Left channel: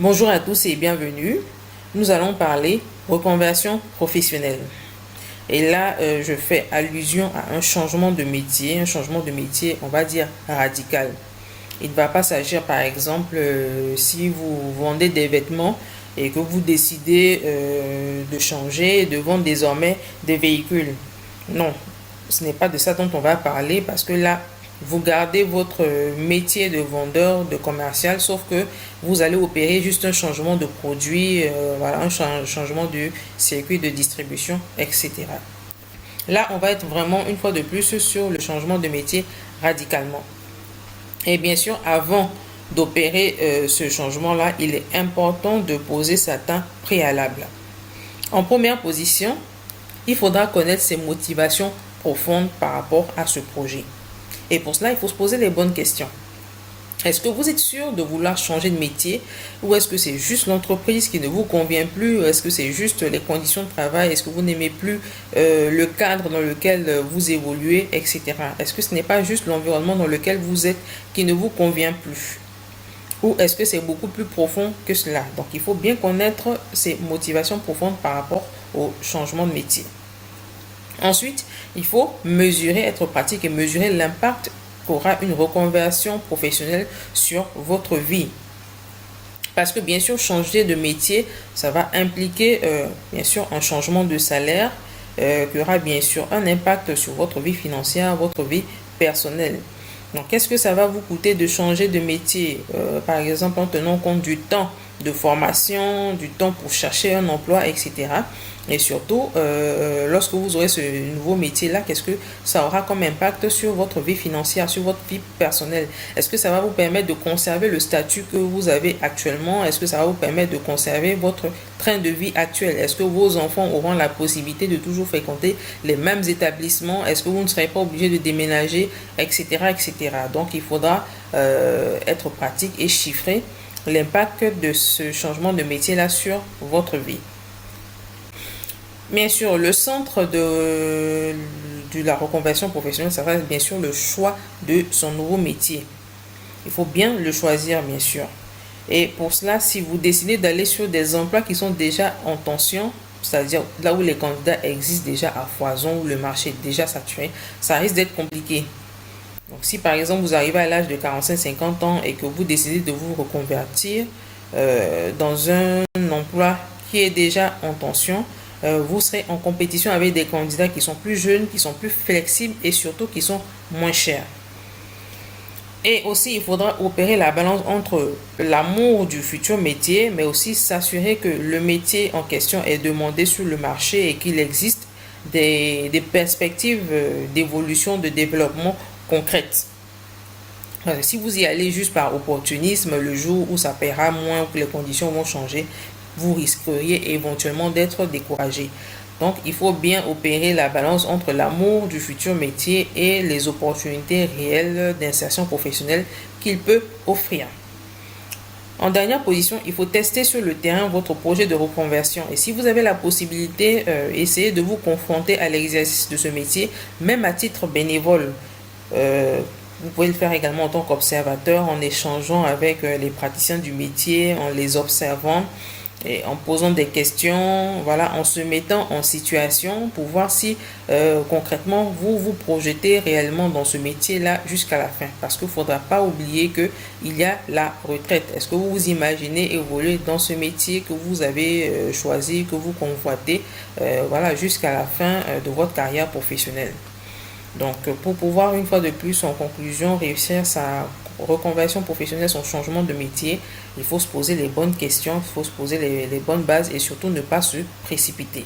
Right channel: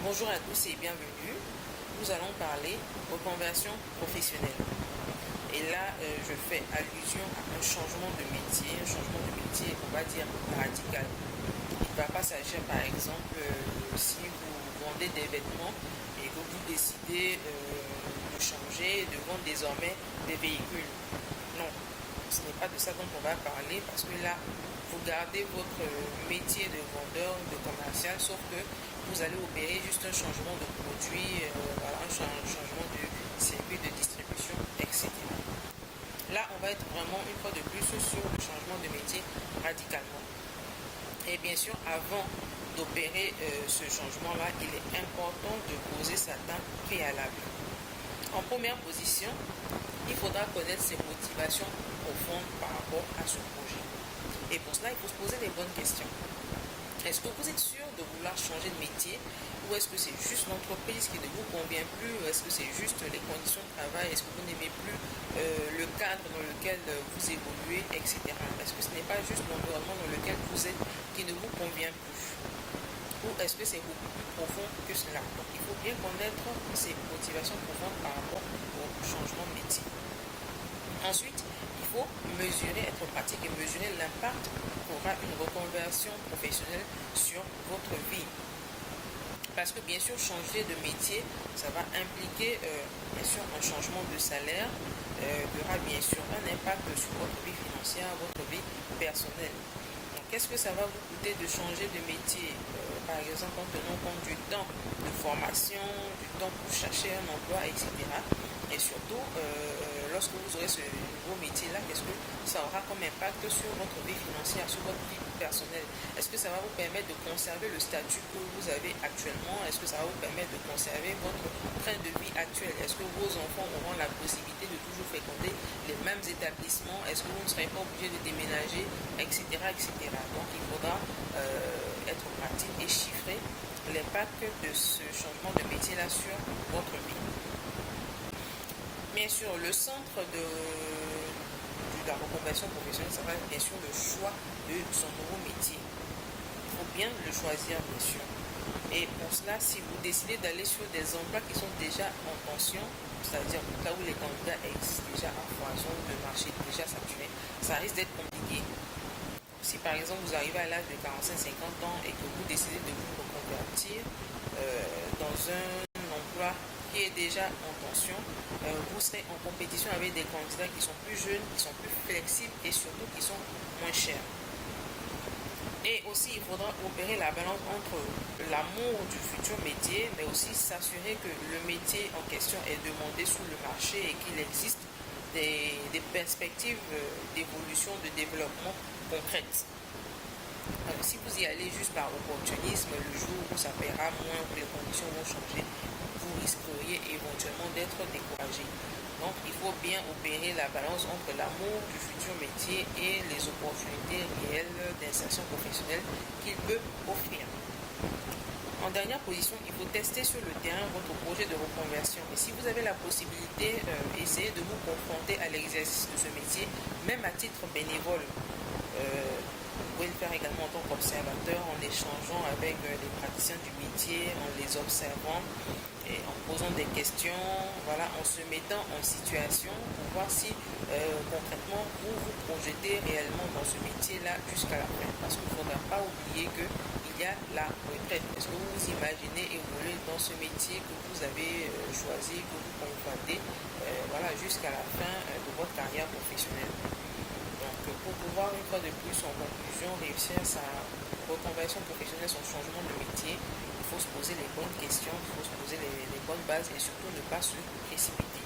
Bonjour à tous et bienvenue. Nous allons parler reconversion professionnelle. Et là, je fais allusion à un changement de métier, on va dire radical. Il ne va pas s'agir, par exemple, si vous vendez des vêtements et que vous décidez de changer, de vendre désormais des véhicules. Non, ce n'est pas de ça dont on va parler parce que là, vous gardez votre métier de vendeur, de commercial, sauf que vous allez opérer juste un changement de produit, voilà, un changement de circuit de distribution, etc. Là, on va être vraiment une fois de plus sur le changement de métier radicalement. Et bien sûr, avant d'opérer ce changement-là, il est important de poser certains préalables. En première position, il faudra connaître ses motivations profondes par rapport à ce projet. Et pour cela, il faut se poser les bonnes questions. Est-ce que vous êtes sûr de vouloir changer de métier ou est-ce que c'est juste l'entreprise qui ne vous convient plus? Est-ce que c'est juste les conditions de travail? Est-ce que vous n'aimez plus le cadre dans lequel vous évoluez, etc. Est-ce que ce n'est pas juste l'environnement dans lequel vous êtes qui ne vous convient plus? Ou est-ce que c'est beaucoup plus profond que cela? Donc, il faut bien connaître ses motivations profondes par rapport au changement de métier. Ensuite, il faut mesurer, être pratique et mesurer l'impact qu'aura une reconversion professionnelle sur votre vie. Parce que bien sûr, changer de métier, ça va impliquer bien sûr un changement de salaire qui aura bien sûr un impact sur votre vie financière, votre vie personnelle. Donc, qu'est-ce que ça va vous coûter de changer de métier? Par exemple, en tenant compte du temps de formation, du temps pour chercher un emploi, etc. Et surtout, lorsque vous aurez ce nouveau métier-là, qu'est-ce que ça aura comme impact sur votre vie financière, sur votre vie personnelle? Est-ce que ça va vous permettre de conserver le statut que vous avez actuellement? Est-ce que ça va vous permettre de conserver votre train de vie actuel? Est-ce que vos enfants auront la possibilité de toujours fréquenter les mêmes établissements? Est-ce que vous ne serez pas obligé de déménager, etc., etc. Donc, il faudra être pratique et chiffrer l'impact de ce changement de métier-là sur votre vie. Bien sûr, le centre de la reconversion professionnelle, ça va être bien sûr le choix de son nouveau métier. Il faut bien le choisir, bien sûr. Et pour cela, si vous décidez d'aller sur des emplois qui sont déjà en tension, c'est-à-dire là où les candidats existent déjà à foison, où le marché est déjà saturé, ça risque d'être compliqué. Donc, si par exemple vous arrivez à l'âge de 45-50 ans et que vous décidez de vous reconvertir dans un emploi qui est déjà en tension, vous serez en compétition avec des candidats qui sont plus jeunes, qui sont plus flexibles et surtout qui sont moins chers. Et aussi, il faudra opérer la balance entre l'amour du futur métier, mais aussi s'assurer que le métier en question est demandé sur le marché et qu'il existe des perspectives d'évolution, de développement concrètes. Si vous y allez juste par opportunisme, le jour où ça paiera moins, ou que les conditions vont changer, vous risqueriez éventuellement d'être découragé. Donc, il faut bien opérer la balance entre l'amour du futur métier et les opportunités réelles d'insertion professionnelle qu'il peut offrir. En dernière position, il faut tester sur le terrain votre projet de reconversion. Et si vous avez la possibilité, essayez de vous confronter à l'exercice de ce métier, même à titre bénévole. Vous pouvez le faire également en tant qu'observateur, en échangeant avec les praticiens du métier, en les observant et en posant des questions, voilà, en se mettant en situation pour voir si concrètement vous vous projetez réellement dans ce métier-là jusqu'à la fin. Parce qu'il ne faudra pas oublier qu'il y a la retraite. Est-ce que vous vous imaginez évoluer dans ce métier que vous avez choisi, que vous convoitez, voilà, jusqu'à la fin de votre carrière professionnelle? Donc, pour pouvoir, une fois de plus, en conclusion, réussir sa reconversion professionnelle, son changement de métier, il faut se poser les bonnes questions, il faut se poser les bonnes bases et surtout ne pas se précipiter.